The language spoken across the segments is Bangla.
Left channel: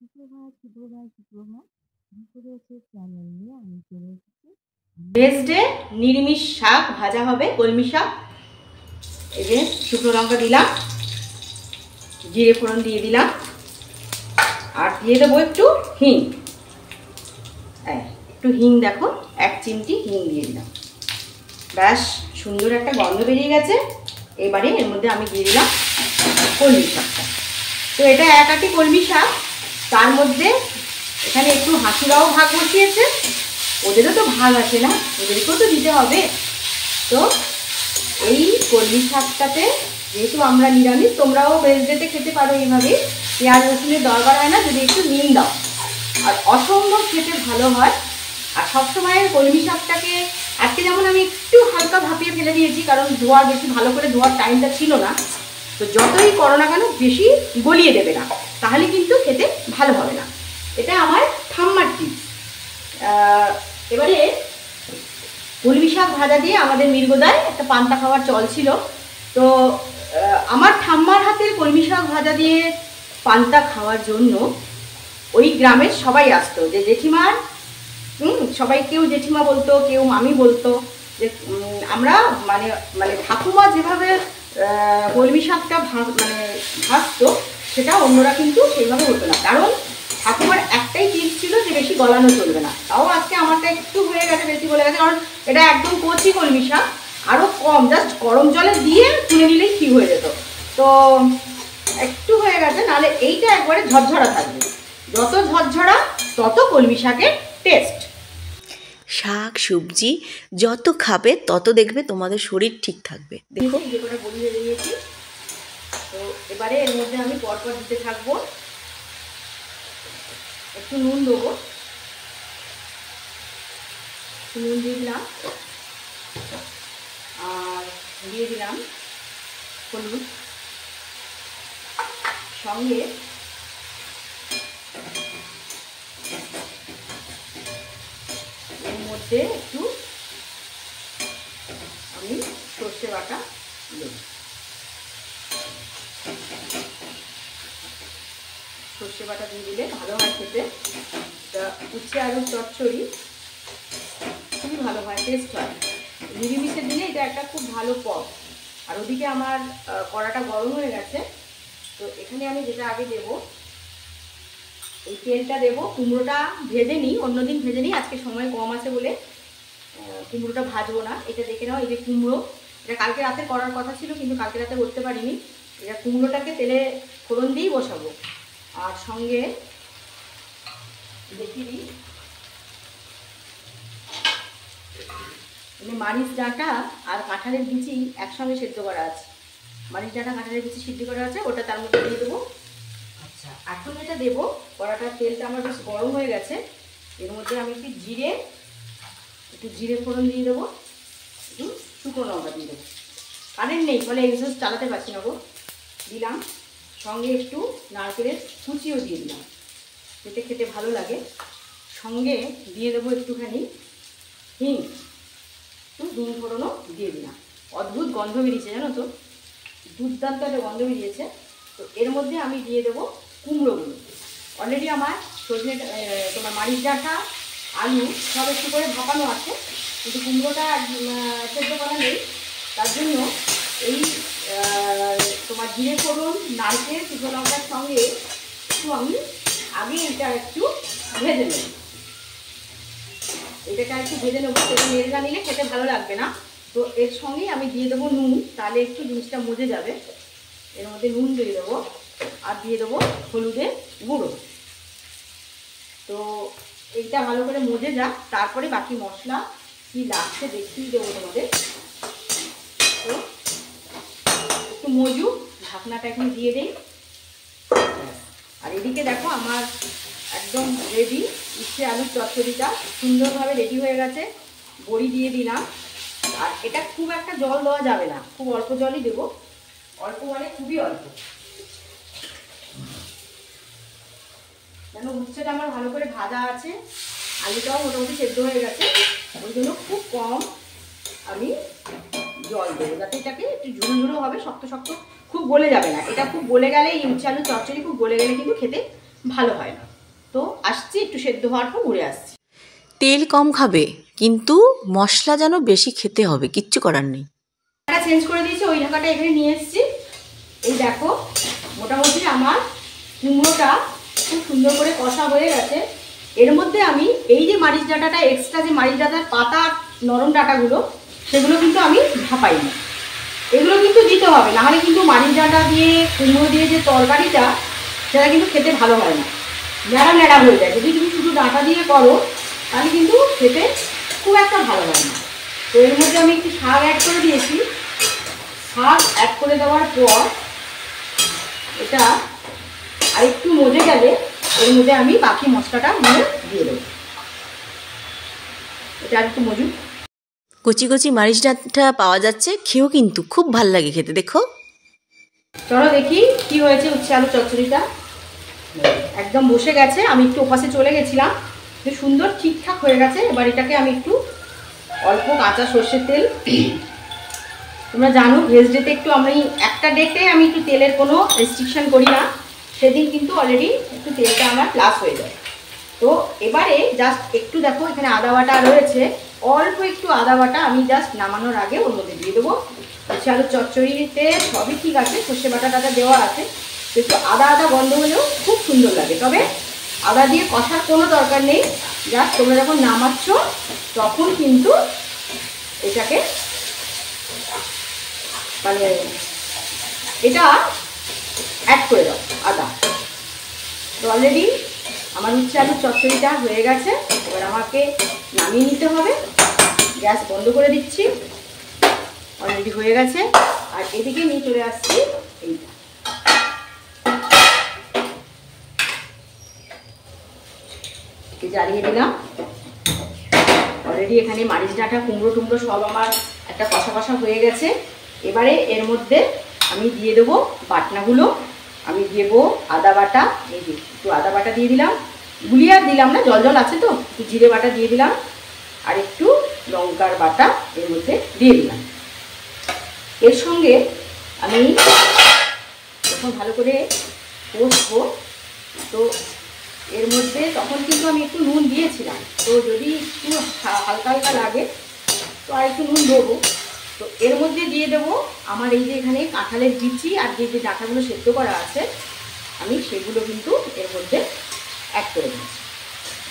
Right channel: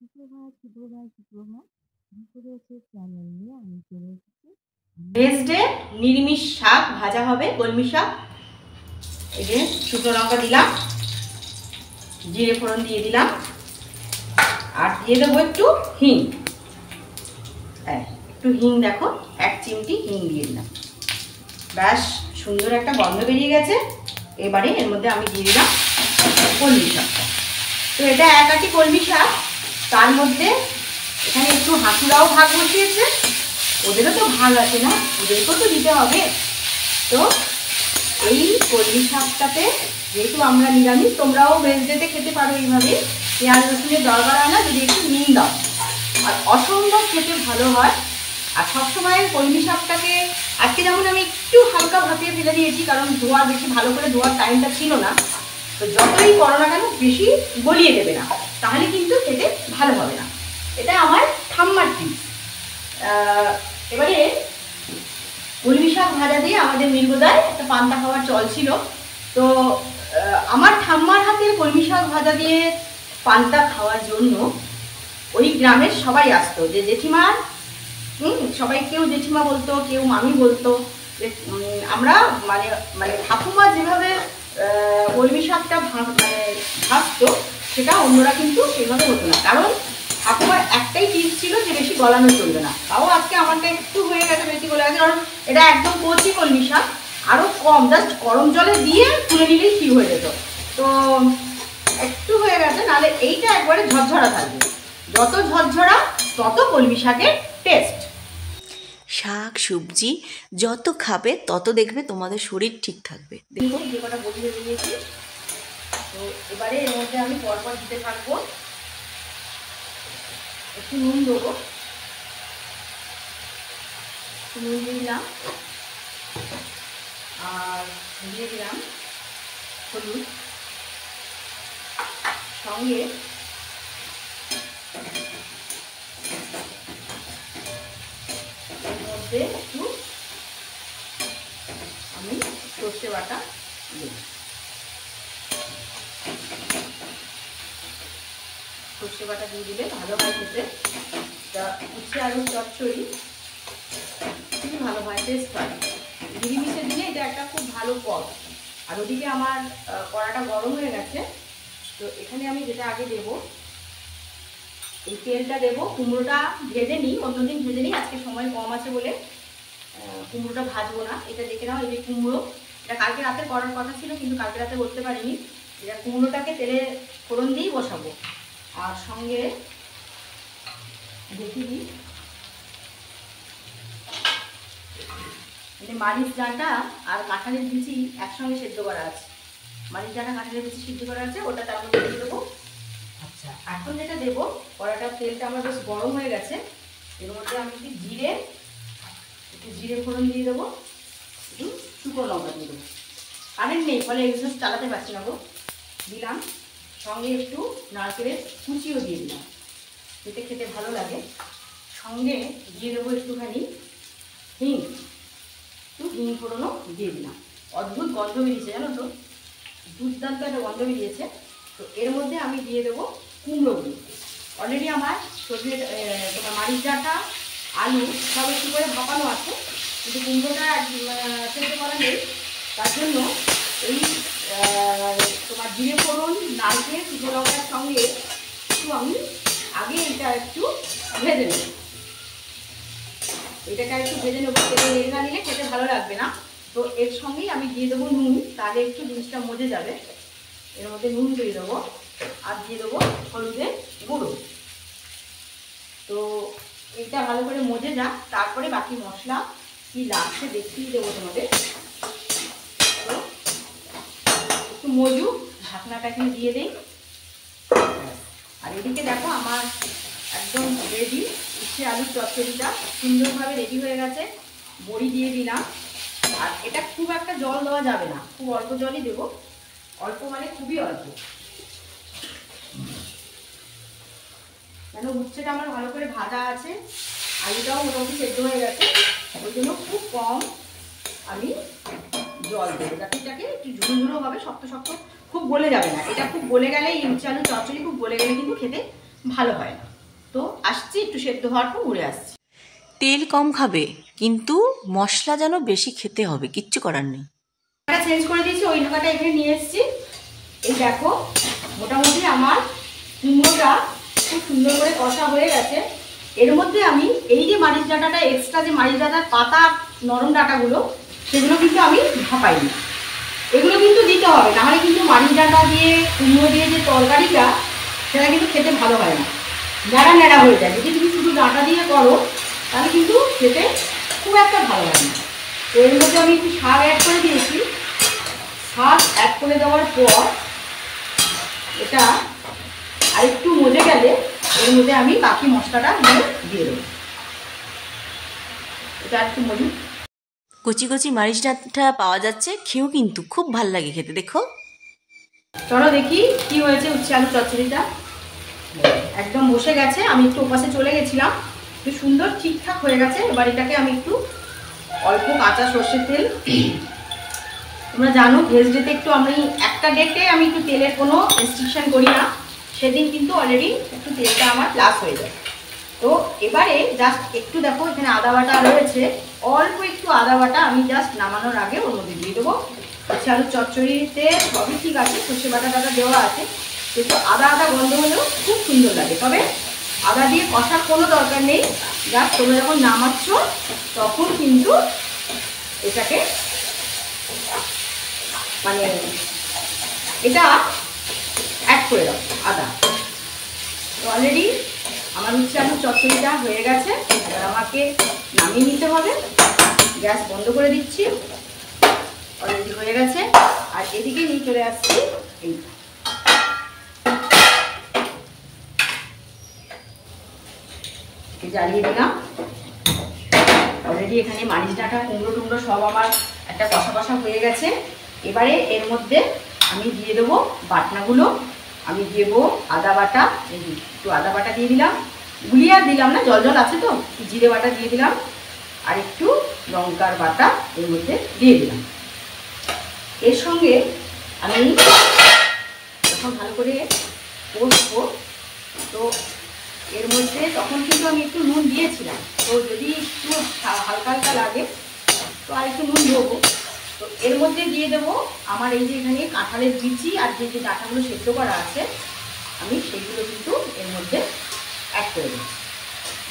সুপ্রভাত সুপ্রভাত সুপ্রভাত দুপুরের চ্যানেল নিয়ে আমি চলে এসেছি। ভেজডে নিরামিষ শাক ভাজা হবে, কলমি শাক। এই যে শুকনো লঙ্কা দিলাম, জিরে ফোড়ন দিয়ে দিলাম, আর দিয়ে দেবো একটু হিং। একটু হিং, দেখো 1 চিমটি হিং দিয়ে দিলাম। ব্যাস সুন্দর একটা গন্ধ বেরিয়ে গেছে। এবারে এর মধ্যে আমি দিয়ে দিলাম কলমি শাকটা। তো এটা 1 আঁটি কলমি শাক, তার মধ্যে এখানে একটু হাঁসুরাও ভাগ বসিয়েছে, ওদেরও তো ভাগ আছে না, ওদেরকেও তো দিতে হবে। তো এই কলমি শাকটাতে যেহেতু আমরা নিরামিষ, তোমরাও ভেজডেতে খেতে পারো এইভাবে, পেঁয়াজ রসুনের দরকার হয় না যদি একটু নুন দাও, আর অসম্ভব খেতে ভালো হয়। আর সবসময় কলমি শাকটাকে আজকে যেমন আমি একটু হালকা ভাপিয়ে ফেলে দিয়েছি, কারণ ধোয়া বেশি ভালো করে ধোয়ার টাইমটা ছিল না। তো যতই করো না কেন বেশি গলিয়ে দেবে না, তাহলে কিন্তু খেতে ভালো হবে না। এটা আমার ঠাম্মার টিপস। এবারে কলমি শাক ভাজা দিয়ে আমাদের মৃগদায় একটা পান্তা খাওয়ার চল ছিল। তো আমার ঠাম্মার হাতের কলমি শাক ভাজা দিয়ে পান্তা খাওয়ার জন্য ওই গ্রামের সবাই আসতো। যে জেঠিমার সবাই, কেউ জেঠিমা বলতো, কেউ মামি বলতো, যে আমরা মানে মানে ঠাকুমা যেভাবে কলমি শাকটা ভাজতো, সেটা অন্যরা কিন্তু সেইভাবে হতো না। কারণ ঠাকুমার একটাই টিপস ছিল যে বেশি গলানো চলবে না। তাও আজকে আমারটা একটু হয়ে গেছে, বেশি গলে গেছে, কারণ এটা একদম কচি কলমি শাক, আরও কম, জাস্ট গরম জলে দিয়ে তুলে নিলেই ঠিক হয়ে যেত। তো একটু হয়ে গেছে, নাহলে এইটা একবারে ঝরঝরা থাকবে। যত ঝরঝরা তত কলমি শাকের টেস্ট। শাক সবজি যত খাবে তত দেখবে তোমাদের শরীর ঠিক থাকবে। দেখো যে কটা বড়ি ভেজে নিয়েছি, তো এবারে এর মধ্যে আমি পরপর দিতে থাকবো। একটু নুন দেবো, একটু নুন দিয়ে দিলাম, আর দিয়ে দিলাম হলুদ, সঙ্গে এর মধ্যে একটু আমি সর্ষে বাটা দেব। সর্ষে বাটা দিয়ে দিলে ভালো হয় খেতে। তা উচ্ছে আলুর চচ্চড়ি খুবই ভালো হয়, টেস্ট হয়। নিরামিষের দিনে এটা একটা খুব ভালো পদ। আর ওদিকে আমার কড়াটা গরম হয়ে গেছে। তো এখানে আমি যেটা আগে দেবো, এই তেলটা দেবো। কুমড়োটা ভেজে নিই, অন্যদিন ভেজে নিই, আজকে সময় কম আছে বলে কুমড়োটা ভাজবো না। এটা দেখে নাও, এই যে কুমড়ো, এটা কালকে রাতে করার কথা ছিল, কিন্তু কালকে রাতে করতে পারিনি। এটা কুমড়োটাকে তেলে ফোড়ন দিয়েই বসাবো। আর সঙ্গে দেখি দিই, মানে মারিচ ডাঁটা আর কাঁঠালের বিচি একসঙ্গে সেদ্ধ করা আছে। মারিচ ডাঁটা কাঁঠালের বিচি সিদ্ধ করা আছে, ওটা তার মধ্যে দিয়ে দেবো। আচ্ছা, এখন যেটা দেবো, কড়াটার তেলটা আমার বেশ গরম হয়ে গেছে। এর মধ্যে আমি একটু জিরে ফোড়ন দিয়ে দেবো, একটু শুকনো লঙ্কা দিয়ে দেবো। কারেন্ট নেই, ফলে এক্সস্ট চালাতে পারছি না গো। দিলাম, সঙ্গে একটু নারকেলের কুচিও দিয়ে দিলাম, এতে খেতে ভালো লাগে। সঙ্গে দিয়ে দেবো একটুখানি হিং, একটু হিং ফোড়নও দিয়ে দিলাম। অদ্ভুত গন্ধ বেরিয়েছে জানো তো, দুর্দান্ত একটা গন্ধ বেরিয়েছে। তো এর মধ্যে আমি দিয়ে দেবো কুমড়োগুলো। অলরেডি আমার তোমার মারিচ ডাঁটা, আলু সব একটু করে ভাপানো আছে, কিন্তু কুমড়োটা সেদ্ধ করা নেই। তার জন্য এই তোমার জিরে ফোড়ন, নারকেল, শুকনো লঙ্কার সঙ্গে একটু আমি আগে এটা একটু ভেজে নেব। এটাকে একটু ভেজে নেবো, তেলে নেড়ে না নিলে খেতে ভালো লাগবে না। তো এর সঙ্গেই আমি দিয়ে দেবো নুন, তাহলে একটু জিনিসটা মজে যাবে। এর মধ্যে নুন দিয়ে দেবো, আর দিয়ে দেবো হলুদের গুঁড়ো। তো এইটা ভালো করে মজে যাক, তারপরে বাকি মশলা কি লাগছে দেখিয়ে দেবো তোমাদের। তো একটু মজুক, ঢাকনাটা এখানে দিয়ে দিই। আর এদিকে দেখো আমার একদম রেডি উচ্ছে আলুর চচ্চড়িটা সুন্দরভাবে রেডি হয়ে গেছে। বড়ি দিয়ে দিলাম, আর এটা খুব একটা জল দেওয়া যাবে না, খুব অল্প জলই দেবো। অল্প মানে খুবই অল্প, কেন উচ্ছেটা আমার ভালো করে ভাজা আছে, আলুটাও মোটামুটি সেদ্ধ হয়ে গেছে। ওই জন্য খুব কম আমি জল দেবো, যাতে এটাকে একটু ঝুরঝুরো হবে, শক্ত শক্ত খুব গলে যাবে না। এটা খুব গলে গেলে, এই উচ্ছে আলুর চচ্চড়ি খুব গলে গেলে কিন্তু খেতে ভালো হয় না। তো আসছি, একটু সেদ্ধ হওয়ার পর ঘুরে আসছি। তেল কম খাবে, কিন্তু মশলা যেন বেশি খেতে হবে, কিচ্ছু করার নেই। ঢাকাটা চেঞ্জ করে দিয়েছি, ওই ঢাকাটা এখানে নিয়ে এসেছি। এই দেখো মোটামুটি আমার কুমড়োটা খুব সুন্দর করে কষা হয়ে গেছে। এর মধ্যে আমি এই যে মারিচ ডাঁটাটা, এক্সট্রা যে মারিচ ডাঁটার পাতা নরম ডাঁটাগুলো, সেগুলো কিন্তু আমি ভাপাইনি। এগুলো কিন্তু দিতে হবে, নাহলে কিন্তু মারিচ ডাঁটা দিয়ে কুমড়ো দিয়ে যে তরকারিটা, সেটা কিন্তু খেতে ভালো হয় না, ন্যাড়া ন্যাড়া হয়ে যায়। যদি তুমি শুধু ডাঁটা দিয়ে করো তাহলে কিন্তু খেতে খুব একটা ভালো হয় না। তো এর মধ্যে আমি একটু শাক অ্যাড করে দিয়েছি। শাক অ্যাড করে দেওয়ার পর এটা আরেকটু মজে গেলে এর মধ্যে আমি বাকি মশলাটা দিয়ে দেবো। এটা একটু মজুদ কচি কচি মারিচ ডাঁটা পাওয়া যাচ্ছে, খেয়েও কিন্তু খুব ভাল লাগে খেতে। দেখো, চলো দেখি কি হয়েছে উচ্ছে আলু চচ্চড়িটা। একদম বসে গেছে, আমি একটু ওপাশে চলে গেছিলাম, খুব সুন্দর ঠিকঠাক হয়ে গেছে। এবার এটাকে আমি একটু অল্প কাঁচা সর্ষের তেল, তোমরা জানো ভেজ ডেতে একটু আমি একটা ডেটে আমি একটু তেলের কোনো রেস্ট্রিকশন করি না, সেদিন কিন্তু অলরেডি একটু তেলটা আমার প্লাস হয়ে যায়। তো এবারে জাস্ট একটু দেখো এখানে আদা বাটা রয়েছে, অল্প একটু আদা বাটা আমি জাস্ট নামানোর আগে ওর মধ্যে দিয়ে দেবো। উচ্ছে আলুর চচ্চড়িতে সবই ঠিক আছে, সর্ষে বাটা দেওয়া আছে, কিন্তু আদা আদা গন্ধ হলেও খুব সুন্দর লাগে। তবে আদা দিয়ে কষার কোনো দরকার নেই, জাস্ট তোমরা যখন নামাচ্ছ তখন কিন্তু এটাকে মানে এটা অ্যাড করে দাও আদা। তো অলরেডি আমার উচ্ছে আলুর চচ্চড়িটা হয়ে গেছে, এবার আমাকে নামিয়ে নিতে হবে। গ্যাস বন্ধ করে দিচ্ছি, অলরেডি হয়ে গেছে। আর এদিকে নিয়ে চলে আসছি এইটা, জ্বালিয়ে দিলাম। অলরেডি এখানে মারিচ ডাঁটা কুমড়ো টুমড়ো সব আমার একটা কষা কষা হয়ে গেছে। এবারে এর মধ্যে আমি দিয়ে দেবো বাটনাগুলো। আমি দেবো আদা বাটা, এই যে একটু আদা বাটা দিয়ে দিলাম, গুলিয়ে আর দিলাম না, জল জল আছে তো, একটু জিরে বাটা দিয়ে দিলাম, আর একটু লঙ্কার বাটা এর মধ্যে দিয়ে দিলাম। এর সঙ্গে আমি এখন ভালো করে কষবো। তো এর মধ্যে তখন কিন্তু আমি একটু নুন দিয়েছিলাম, তো যদি একটু হালকা হালকা লাগে তো আর একটু নুন দেবো। তো এর মধ্যে দিয়ে দেবো আমার এই যে এখানে কাঁঠালের বিচি আর যে যে ডাঁটাগুলো সেদ্ধ করা আছে, আমি সেগুলো কিন্তু এর মধ্যে অ্যাড করে দিচ্ছি।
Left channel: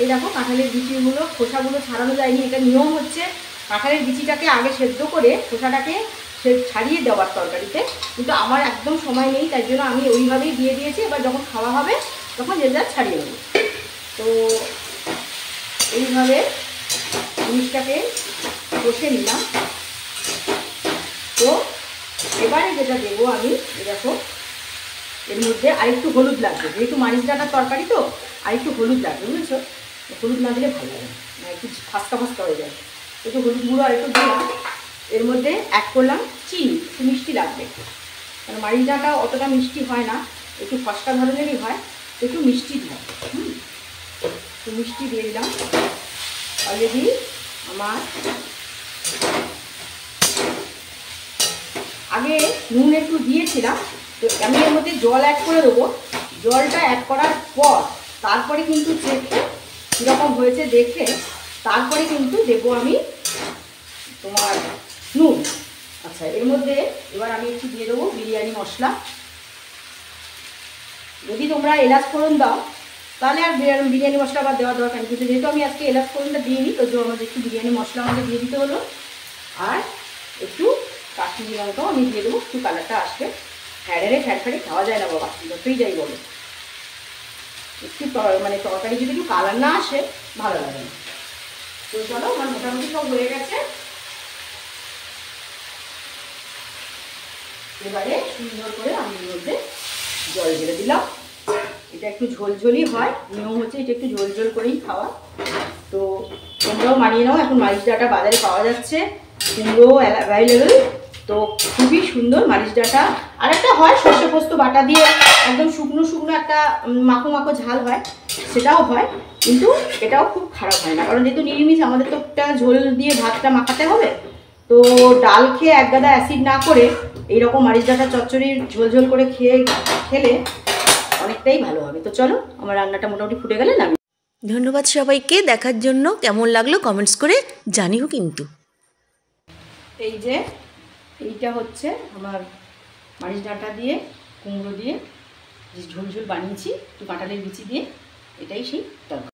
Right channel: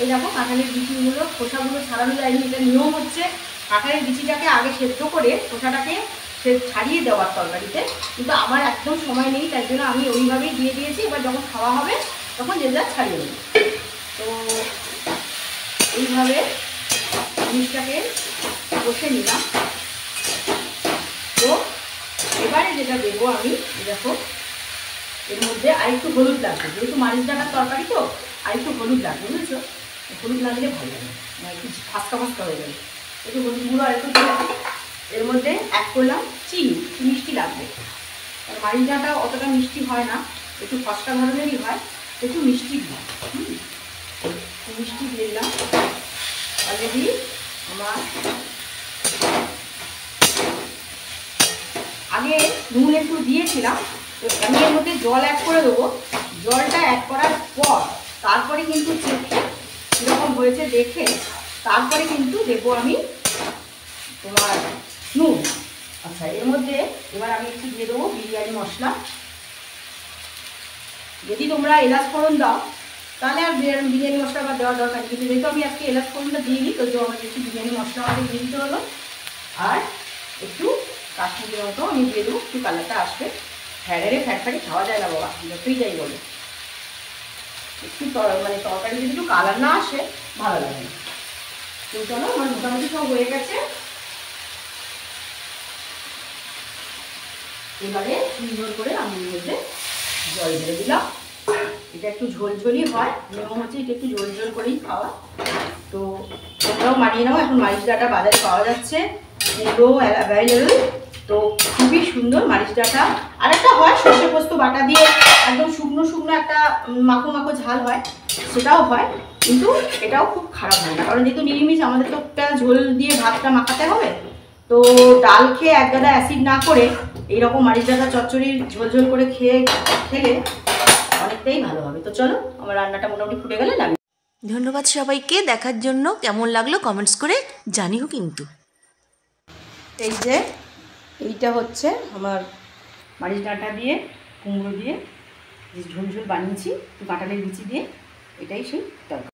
এই দেখো কাঁঠালের বিচিগুলো, খোসাগুলো ছাড়ানো যায়নি, এটা নিয়ম হচ্ছে কাঁঠালের বিচিটাকে আগে সেদ্ধ করে খোসাটাকে ছাড়িয়ে দেওয়ার তরকারিতে, কিন্তু আমার একদম সময় নেই, তাই জন্য আমি ওইভাবেই দিয়ে দিয়েছি। এবার যখন খাওয়া হবে তখন যে যা ছাড়িয়ে নেব। তো এইভাবে জিনিসটাকে কষে নিলাম। তো এবারে যেটা দেবো আমি, দেখো এর মধ্যে আরেকটু হলুদ লাগবে, যেহেতু মারিচ ডাঁটার তরকারি তো আরেকটু হলুদ লাগবে, বুঝেছো? হলুদ না দিলে ভালো লাগে, একটু ফাস্তা ফাস্তা হয়ে যাবে। একটু হলুদ গুঁড়ো আরেকটু দিলাম। এর মধ্যে অ্যাড করলাম চিনি, একটু মিষ্টি লাগবে, কারণ মারিচ ডাঁটা অতটা মিষ্টি হয় না, একটু ফসকা ধরনেরই হয়, একটু মিষ্টি হয়। একটু মিষ্টি দিয়ে দিলাম। অলরেডি আমার আগে নুন একটু দিয়েছিলাম, তো আমি এর মধ্যে জল অ্যাড করে দেবো। জলটা অ্যাড করার পর তারপরে কিন্তু চেখে কীরকম হয়েছে দেখে তারপরে কিন্তু দেবো আমি তোমার নুন। আচ্ছা, এর মধ্যে এবার আমি একটু দিয়ে দেবো বিরিয়ানি মশলা। যদি তোমরা এলাচ ফোড়ন দাও তাহলে আর বিরিয়ানি মশলা আবার দেওয়ার দরকার নেই, কিন্তু যেহেতু আমি আজকে এলাচ ফোড়নটা দিইনি, তো আমাদের একটু বিরিয়ানি মশলা আমাদের দিয়ে দিতে হলো। আর একটু কাশ্মীরি লঙ্কাও আমি দিয়ে দেবো, একটু কালারটা আসবে। ফ্যাড়ে ফ্যাড় খাওয়া যায় না বাবা, যতই যাই বলো, একটু মানে তরকারি যদি একটু কালার না আসে ভালো লাগে না। তো চলো আমার মোটামুটি সব হয়ে গেছে। এবারে সুন্দর করে আমি এর মধ্যে জল ঢেলে দিলাম। এটা একটু ঝোলঝোলই হয়, নিয়ম হচ্ছে এটা একটু ঝোলঝোল করেই খাওয়া। তো তোমরাও মানিয়ে নাও, এখন মারিচ ডাঁটা বাজারে পাওয়া যাচ্ছে, কুমড়ো অ্যাভেলেবল। তো খুবই সুন্দর মারিচ ডাঁটা। আর একটা হয় সর্ষে পোস্ত বাটা দিয়ে একদম শুকনো শুকনো একটা মাখো মাখো ঝাল হয়, সেটাও হয়, কিন্তু এটাও খুব খারাপ হয় না, কারণ যেহেতু নিরামিষ আমাদের তো একটা ঝোল দিয়ে ভাতটা মাখাতে হবে। তো ডাল খেয়ে এক গাদা অ্যাসিড না করে এইরকম মারিচ ডাঁটা চচ্চড়ির ঝোল ঝোল করে খেলে অনেকটা তরকারিটাই ভালো হবে। তো চলো আমার রান্নাটা মোটামুটি ফুটে গেলে নামি। ধন্যবাদ সবাইকে দেখার জন্য। কেমন লাগলো কমেন্টস করে জানিও কিন্তু। এই যে এইটা হচ্ছে আমার মারিচ ডাঁটা দিয়ে কুমড়ো দিয়ে যে ঝোল ঝোল বানিয়েছি একটু কাঁঠালের বিচি দিয়ে, এটাই সেই তরকারি।